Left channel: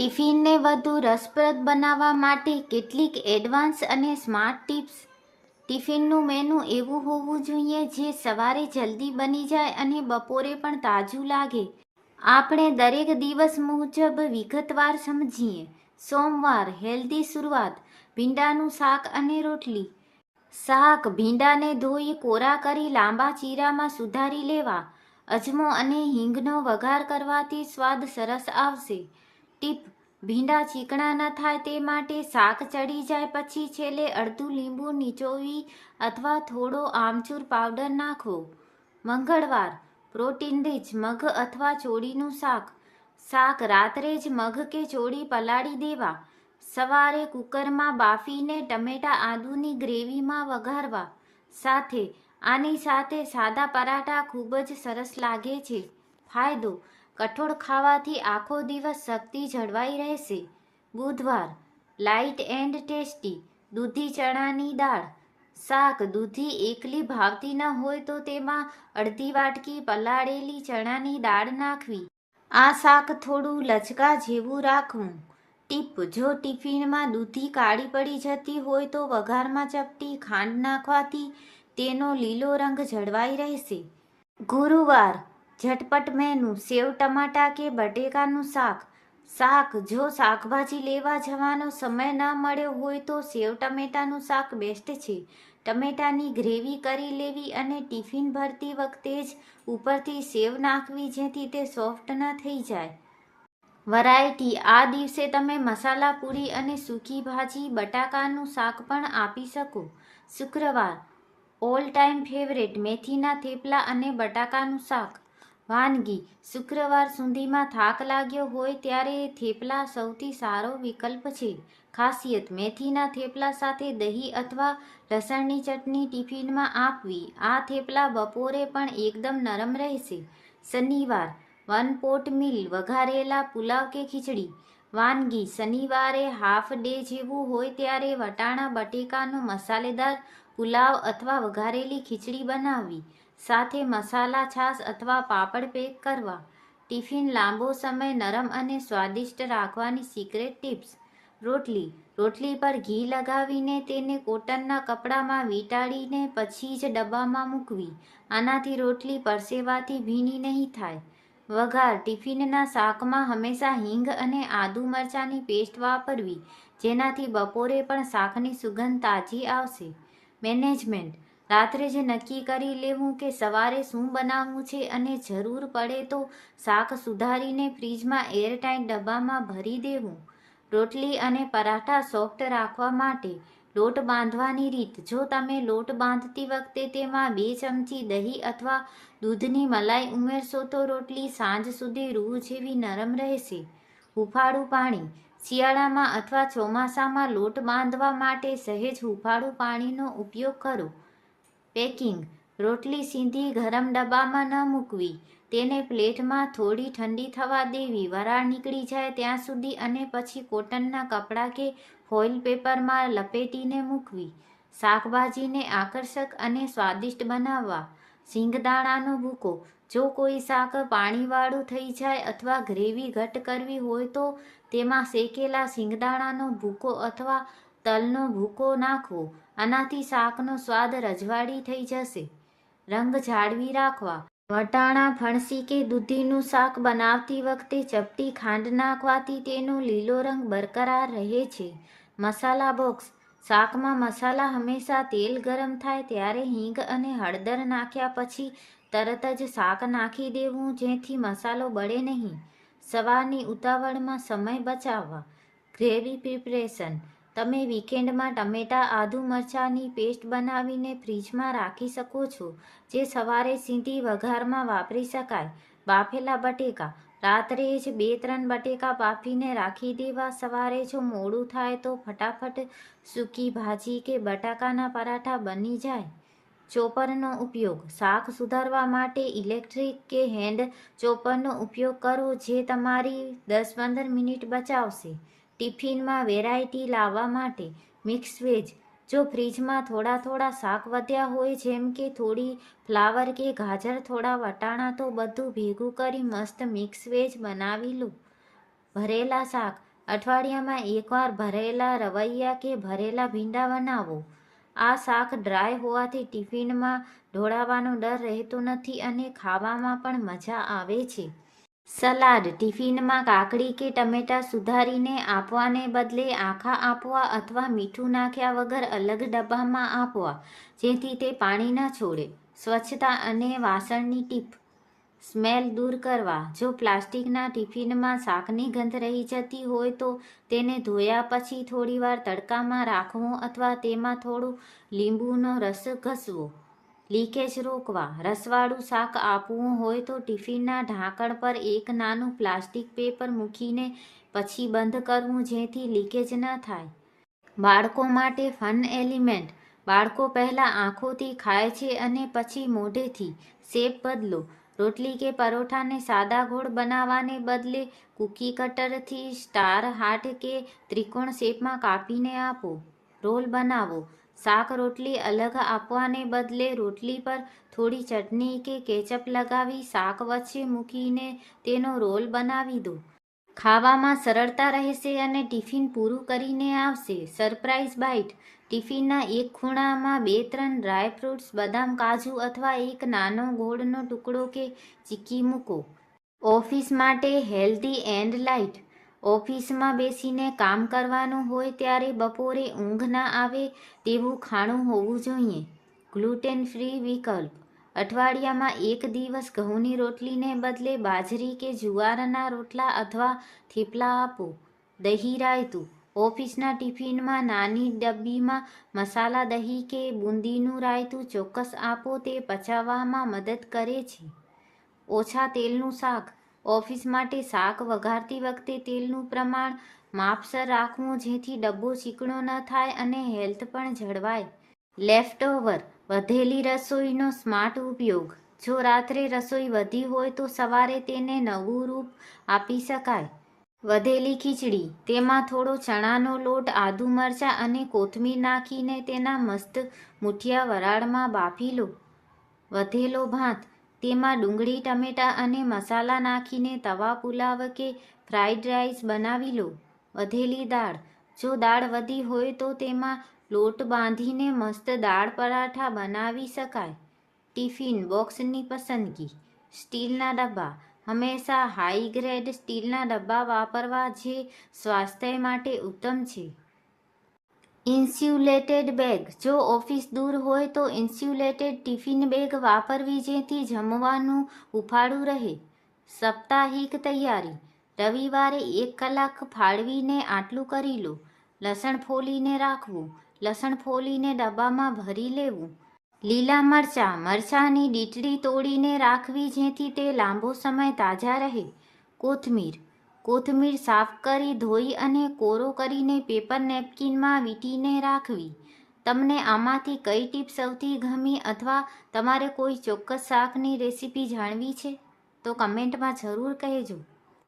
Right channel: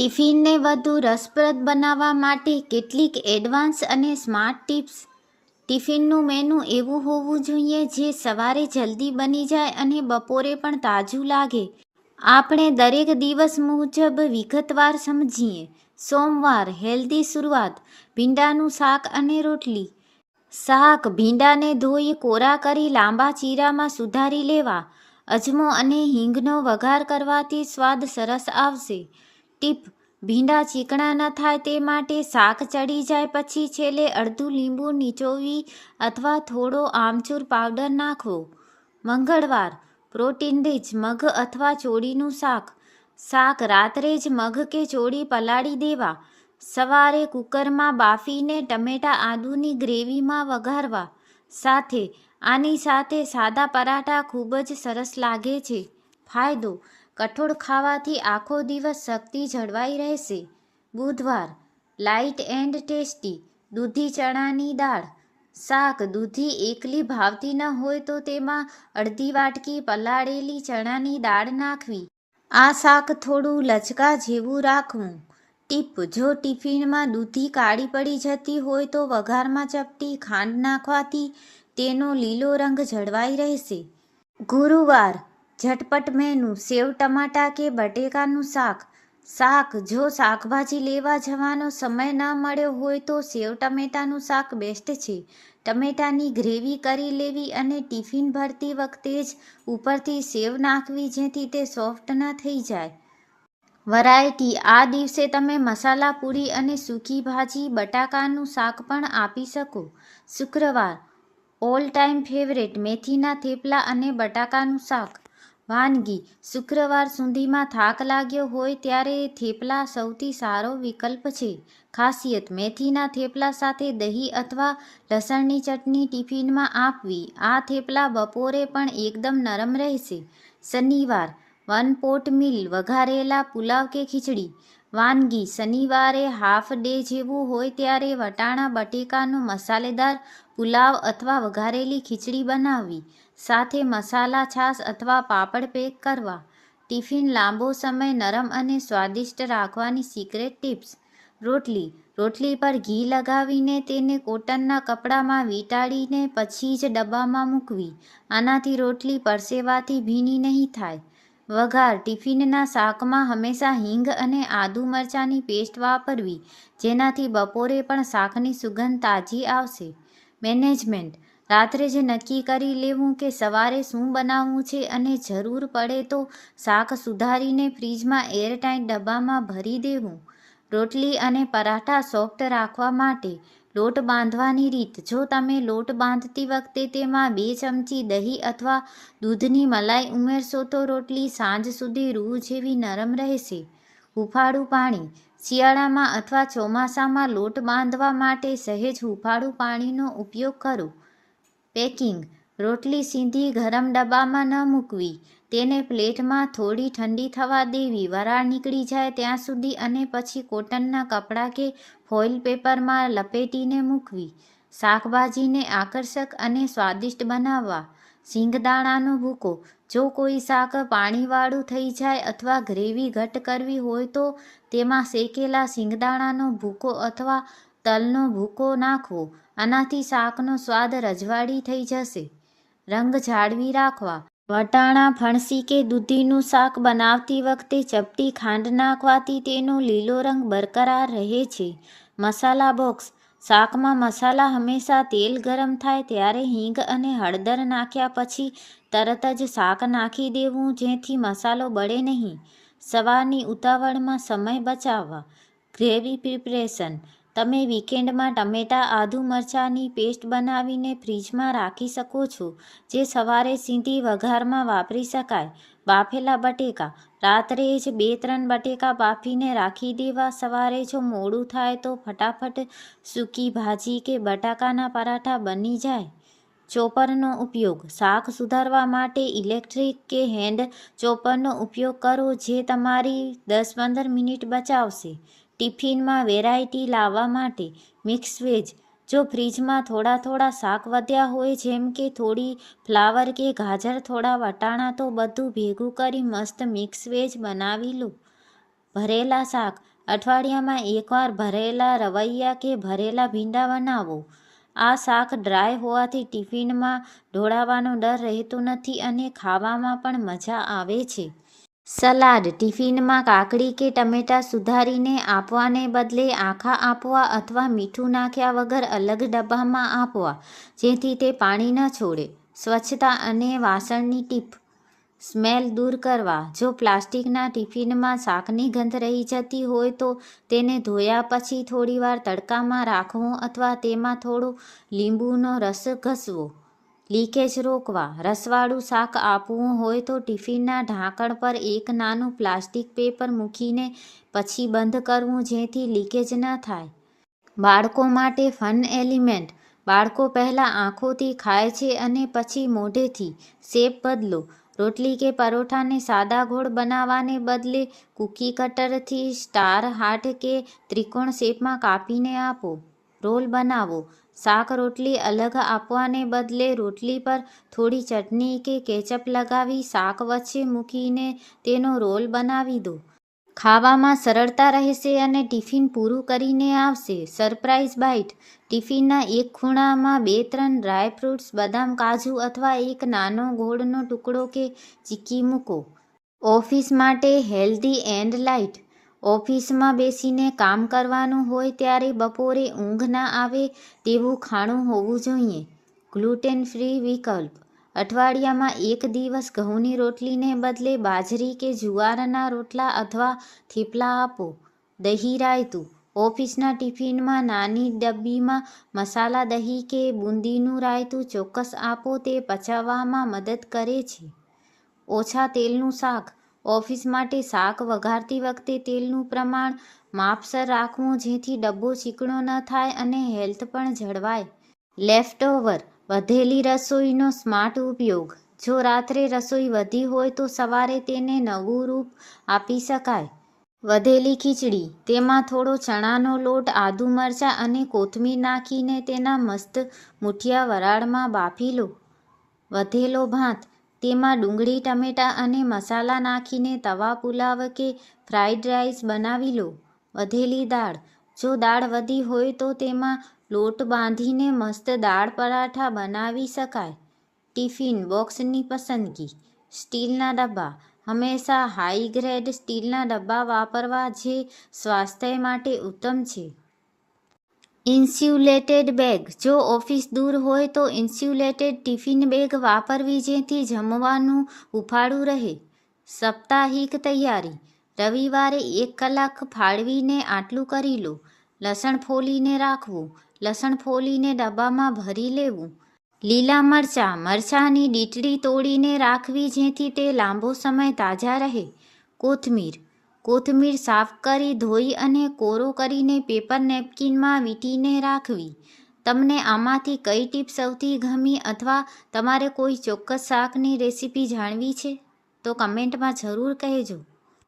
ટિફિનને વધુ રસપ્રદ બનાવવા માટે કેટલીક એડવાન્સ અને સ્માર્ટ ટિપ્સ. ટિફિનનું મેનુ એવું હોવું જોઈએ જે સવારે જલ્દી બની જાય અને બપોરે પણ તાજું લાગે. આપણે દરેક દિવસ મુજબ વિગતવાર સમજીએ. સોમવાર હેલ્ધી શરૂઆત. ભીંડાનું શાક અને રોટલી. શાક: ભીંડાને ધોઈ કોરા કરી લાંબા ચીરામાં સુધારી લેવા. અજમો અને હિંગનો વઘાર કરવાથી સ્વાદ સરસ આવશે. ટીપ: ભીંડા ચીકણા ન થાય તે માટે શાક ચડી જાય પછી છેલ્લે અડધું લીંબુ નીચોવી અથવા થોડો આમચૂર પાવડર નાખવો. મંગળવાર પ્રોટીન રીચ મગ અથવા ચોળીનું શાક. શાક રાત્રે જ મગ કે ચોળી પલાળી દેવા. સવારે કુકરમાં બાફીને ટમેટા આદુની ગ્રેવીમાં વઘારવા. આની સાથે સાદા પરાઠા ખૂબ જ સરસ લાગે છે. ફાયદો: કઠોળ ખાવાથી આખો દિવસ શક્તિ જળવાઈ રહેશે. બુધવાર લાઇટ એન્ડ ટેસ્ટી દૂધી ચણાની દાળ. શાક: દૂધી એકલી ભાવતી ન હોય તો તેમાં અડધી વાટકી પલાળેલી ચણાની દાળ નાખવી. આ શાક થોડું લચકા જેવું રાખવું. ટીપ: જો ટિફિનમાં દૂધી કાળી પડી જતી હોય તો વઘારમાં ચપટી ખાંડ નાખવાથી તેનો લીલો રંગ જળવાઈ રહેશે. ગુરુવાર ઝટપટ મેનુ. સેવ ટમાટા કે બટેકાનું શાક. શાક: જો શાકભાજી લેવા જવાનો સમય ન મળ્યો હોય તો સેવ ટમેટાનું શાક બેસ્ટ છે. ટમેટાની ગ્રેવી કરી લેવી અને ટિફિન ભરતી વખતે જ ઉપરથી સેવ નાખવી જેથી તે સોફ્ટ ન થઈ જાય. વેરાયટી: આ દિવસે તમે મસાલા પૂરી અને સૂકી ભાજી બટાકાનું શાક પણ આપી શકો. શુક્રવાર ઓલ ટાઈમ ફેવરેટ મેથીના થેપલા અને બટાકાનું શાક. વાનગી: શુક્રવાર સુધીમાં થાક લાગ્યો હોય ત્યારે થેપલા સૌથી સારો વિકલ્પ છે. ખાસિયત: મેથીના થેપલા સાથે દહીં અથવા લસણની ચટણી ટિફિનમાં આપવી. આ થેપલા બપોરે પણ એકદમ નરમ રહેશે. શનિવાર વન પોટ મીલ વઘારેલા પુલાવ કે ખીચડી. વાનગી: શનિવારે હાફ ડે જેવું હોય ત્યારે વટાણા બટેકાનો મસાલેદાર પુલાવ અથવા વઘારેલી ખીચડી બનાવવી. સાથે મસાલા છાશ અથવા પાપડ પેક કરવા. ટિફિન લાંબો સમય નરમ અને સ્વાદિષ્ટ રાખવાની સિક્રેટ ટિપ્સ. રોટલી પર ઘી લગાવીને તેને કોટનના કપડામાં વીંટાળીને પછી જ ડબ્બામાં મૂકવી. આનાથી રોટલી પરસેવાથી ભીની નહીં થાય. વઘાર: ટિફિનના શાકમાં હંમેશા હિંગ અને આદુ મરચાંની પેસ્ટ વાપરવી જેનાથી બપોરે પણ શાકની સુગંધ તાજી આવશે. મેનેજમેન્ટ: રાત્રે જ નક્કી કરી લેવું કે સવારે શું બનાવવું છે અને જરૂર પડે તો શાક સુધારીને ફ્રીજમાં એરટાઇટ ડબ્બામાં ભરી દેવું. રોટલી અને પરાઠા સોફ્ટ રાખવા માટે લોટ બાંધવાની રીત. જો તમે લોટ બાંધતી વખતે તેમાં 2 ચમચી દહીં અથવા દૂધની મલાઈ ઉમેરશો તો રોટલી સાંજ સુધી રૂ જેવી નરમ રહેશે. હૂંફાળું પાણી: શિયાળામાં અથવા ચોમાસામાં લોટ બાંધવા માટે સહેજ હૂંફાળું પાણીનો ઉપયોગ કરો. પેકિંગ: રોટલી સીધી ગરમ ડબ્બામાં ન મૂકવી. તેને પ્લેટમાં થોડી ઠંડી થવા દેવી વરાળ નીકળી જાય ત્યાં સુધી અને પછી કોટનના કપડાં કે ફોઇલ પેપરમાં લપેટીને મૂકવી. શાકભાજીને આકર્ષક અને સ્વાદિષ્ટ બનાવવા. સિંગદાણાનો ભૂકો: જો કોઈ શાક પાણીવાળું થઈ જાય અથવા ગ્રેવી ઘટ્ટ કરવી હોય તો તેમાં શેકેલા સિંગદાણાનો ભૂકો અથવા તલનો ભૂકો નાખવો. આનાથી શાકનો સ્વાદ રજવાડી થઈ જશે. રંગ જાળવી રાખવા. વટાણા ફણસી કે દૂધીનું શાક બનાવતી વખતે ચપટી ખાંડ નાખવાથી તેનો લીલો રંગ બરકરાર રહે છે. મસાલા બોક્સ: શાકમાં મસાલા હંમેશા તેલ ગરમ થાય ત્યારે હિંગ અને હળદર નાખ્યા પછી તરત જ શાક નાખી દેવું જેથી મસાલો બળે નહીં. સવારની ઉતાવળમાં સમય બચાવવા. ગ્રેવી પ્રિપરેશન: તમે વીકેન્ડમાં ટમેટા આદુ મરચાંની પેસ્ટ બનાવીને ફ્રીજમાં રાખી શકો છો જે સવારે સીધી વઘારમાં વાપરી શકાય. બાફેલા બટેકા: રાત્રે જ 2-3 બટેકા બાફીને રાખી દેવા. સવારે જો મોડું થાય તો ફટાફટ સૂકી ભાજી કે બટાકાના પરાઠા બની જાય. ચોપરનો ઉપયોગ: શાક સુધારવા માટે ઇલેક્ટ્રિક કે હેન્ડ ચોપરનો ઉપયોગ કરો જે તમારી 10-15 મિનિટ બચાવશે. ટિફિનમાં વેરાયટી લાવવા માટે મિક્સ વેજ: જો ફ્રીજમાં થોડા શાક વધ્યા હોય જેમ કે થોડી ફ્લાવર કે ગાજર થોડા વટાણા તો બધું ભેગું કરી મસ્ત મિક્સ વેજ બનાવી લો. ભરેલા શાક: અઠવાડિયામાં એકવાર ભરેલા રવૈયા કે ભરેલા ભીંડા બનાવો. આ શાક ડ્રાય હોવાથી ટિફિનમાં ઢોળાવાનો ડર રહેતો નથી અને ખાવામાં પણ મજા આવે છે. સલાડ ટિફિનમાં કાકડી કે ટમેટાં સુધારીને આપવાને બદલે આખા આપવા અથવા મીઠું નાખ્યા વગર અલગ ડબ્બામાં આપવા, જેથી તે પાણી ન છોડે. સ્વચ્છતા અને વાસણની ટીપ. સ્મેલ દૂર કરવા. જો પ્લાસ્ટિકના ટિફિનમાં શાકની ગંધ રહી જતી હોય તો તેને ધોયા પછી થોડીવાર તડકામાં રાખવું અથવા તેમાં થોડો લીંબુનો રસ ઘસવો. લીકેજ રોકવા. રસવાળું શાક આપવું હોય તો ટિફિનના ઢાંકણ પર એક નાનું પ્લાસ્ટિક પેપર મૂકીને પછી બંધ કરવું, જેથી લીકેજ ન થાય. બાળકો માટે ફન એલિમેન્ટ. બાળકો પહેલાં આંખોથી ખાય છે અને પછી મોઢેથી. શેપ બદલો. રોટલી કે પરોઠાને સાદા ગોળ બનાવવાને બદલે કૂકી કટરથી સ્ટાર હાર્ટ કે ત્રિકોણ શેપમાં કાપીને આપો. રોલ બનાવો. શાક રોટલી અલગ આપવાને બદલે રોટલી પર થોડી ચટણી કે કેચઅપ લગાવી શાક વચ્ચે મૂકીને તેનો રોલ બનાવી દો. ખાવામાં સરળતા રહેશે અને ટિફિન પૂરું કરીને આવશે. Surprise byte. ટિફિનના એક ખૂણામાં 2-3 ડ્રાયફ્રૂટ્સ, બદામ, કાજુ અથવા એક નાનો ગોળનો ટુકડો કે ચીક્કી મૂકો. ઓફિસ માટે હેલ્ધી એન્ડ લાઇટ. ઓફિસમાં બેસીને કામ કરવાનું હોય ત્યારે બપોરે ઊંઘ ના આવે તેવું ખાણું હોવું જોઈએ. ગ્લુટેન ફ્રી વિકલ્પ. અઠવાડિયામાં એક દિવસ ઘઉંની રોટલીને બદલે બાજરી કે જુવારના રોટલા અથવા થેપલા આપો. દહીં રાયતું. ઓફિસના ટિફિનમાં નાની ડબ્બીમાં મસાલા દહીં કે બુંદીનું રાયતું ચોક્કસ આપો, તે પચાવવામાં મદદ કરે છે. ઓછા તેલનું શાક. ઓફિસ માટે શાક વઘારતી વખતે તેલનું પ્રમાણ માપસર રાખવું, જેથી ડબ્બો ચીકણો ન થાય અને હેલ્થ પણ જળવાય. લેફ્ટઓવર. વધેલી રસોઈનો સ્માર્ટ ઉપયોગ. જો રાત્રે રસોઈ વધી હોય તો સવારે તેને નવું રૂપ આપી શકાય. વધેલી ખીચડી. તેમાં થોડો ચણાનો લોટ, આદુ, મરચાં અને કોથમીર નાખીને તેના મસ્ત મૂઠિયા વરાળમાં બાફી લો. વધેલો ભાત. તેમાં ડુંગળી, ટમેટાં અને મસાલા નાખીને તવા પુલાવ કે ફ્રાઈડ રાઈસ બનાવી લો. વધેલી દાળ. જો દાળ વધી હોય તો તેમાં લોટ બાંધીને મસ્ત દાળ પરાઠા બનાવી શકાય. ટિફિન બોક્સની પસંદગી. સ્ટીલના ડબ્બા. હંમેશા હાઈ ગ્રેડ સ્ટીલના ડબ્બા વાપરવા જે સ્વાસ્થ્ય માટે ઉત્તમ છે. Insulated bag. જો ઓફિસ દૂર હોય તો ઇન્સ્યુલેટેડ ટિફિન બેગ વાપરવી, જેથી જમવાનું હૂંફાળું રહે. સાપ્તાહિક તૈયારી. રવિવારે 1 કલાક ફાળવીને આટલું કરી લો. લસણ ફોલીને રાખવું. લસણ ફોલીને ડબ્બામાં ભરી લેવું. લીલા મરચાં. મરચાંની ડીંટડી તોડીને રાખવી, જેથી તે લાંબો સમય તાજા રહે. કોથમીર. કોથમીર સાફ કરી, ધોઈ અને કોરો કરીને પેપર નેપકિનમાં વીંટીને રાખવી. તમને આમાંથી કઈ ટીપ સૌથી ગમી અથવા તમારે કોઈ ચોક્કસ શાકની રેસિપી જાણવી છે તો કમેન્ટમાં જરૂર કહેજો.